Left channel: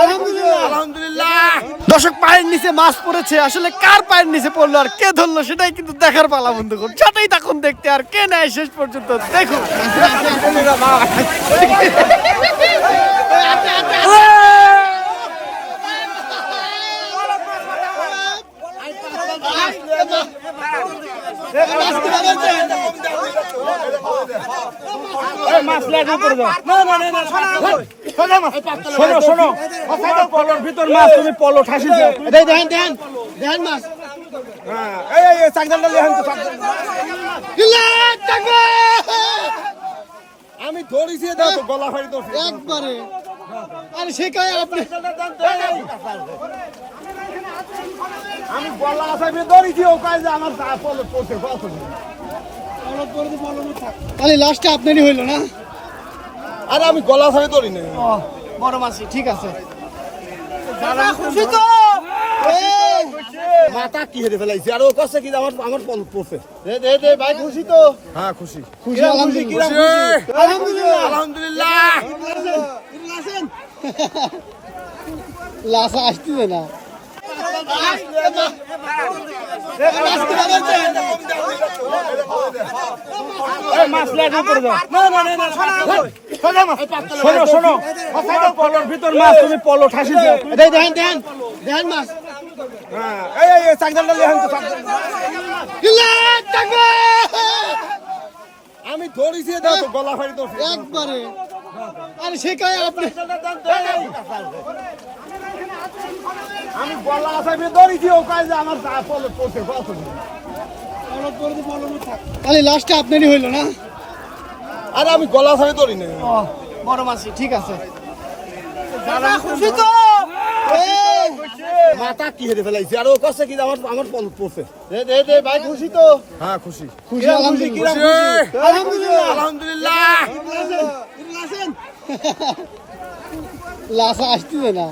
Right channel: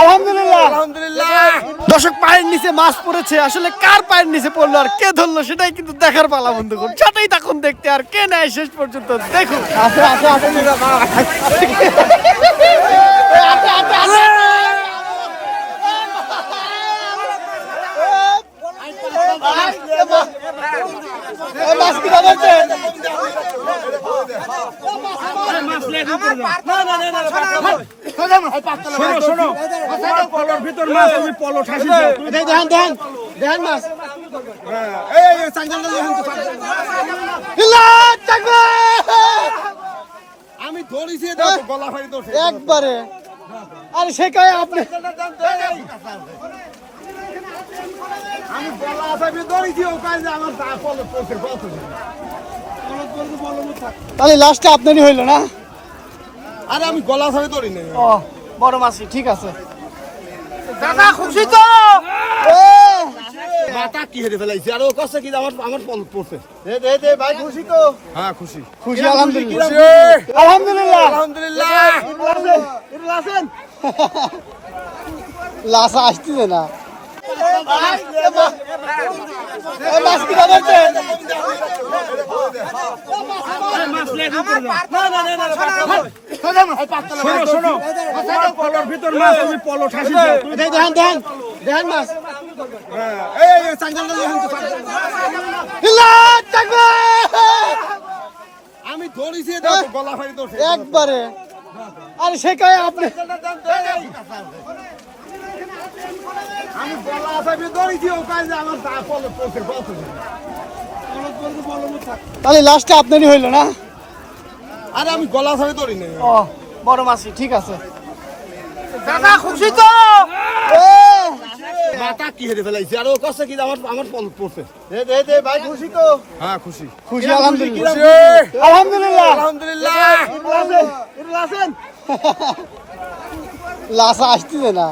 আলহামদুলিল্লাহ আলহামদুলিল্লাহ। দর্শক পায়ের নিচে মাছ পড়েছে, আসলে কার পায়ের নিচে পড়লো আর কে ধরলো সেটাই কিন্তু দেখার পালা বন্ধুগণ। সেটাই তখন দেখতে আর কে নেয় শেষ পর্যন্ত দেখুন। পলোর ভিতর মাছ, তুমি পলো ঠাসিছো। দেখেন মাছ আমি ধরেছি গলা ফাড়ি ধরছি একবারে। আর সে কয় আপনি আমি গলা ফাড়ি ধরেছি, ও কাজ আমার পলো পড়ছে। তাহলে লাস্টে আপনারই হইলো না? আরে আমি গলা ফাড়ি ধরি না। ও বড় মাছই, ঠিক আছে। খুশি তো মাথা কি হেরে ফেলাইছে, আর ও কষ্ট কি আমার পলো পড়ছে। ভাই খুশি তো? হ্যাঁ খুশি খুশি আলহামদুলিল্লাহ। আলহামদুলিল্লাহ আলহামদুলিল্লাহ। লাসা আসতেছে না। শোনো শোনো, পলোর ভিতর মাছ, তুমি পলো ঠাসিছো। দেখেন মাছ আমি ধরেছি গলা ফাড়ি ধরছি একবারে। আর সে কয় আপনি আমি গলা ফাড়ি ধরেছি, ও কাজ আমার পলো পড়ছে। তাহলে লাস্টে আপনারই হইলো না? আরে আমি গলা ফাড়ি ধরি না। ও বড় মাছই, ঠিক আছে। খুশি তো মাথা কি হেরে ফেলাইছে, আর ও কষ্ট কি আমার পলো পড়ছে। ভাই খুশি তো? হ্যাঁ খুশি খুশি আলহামদুলিল্লাহ। আলহামদুলিল্লাহ আলহামদুলিল্লাহ। লাসা আসতেছে না।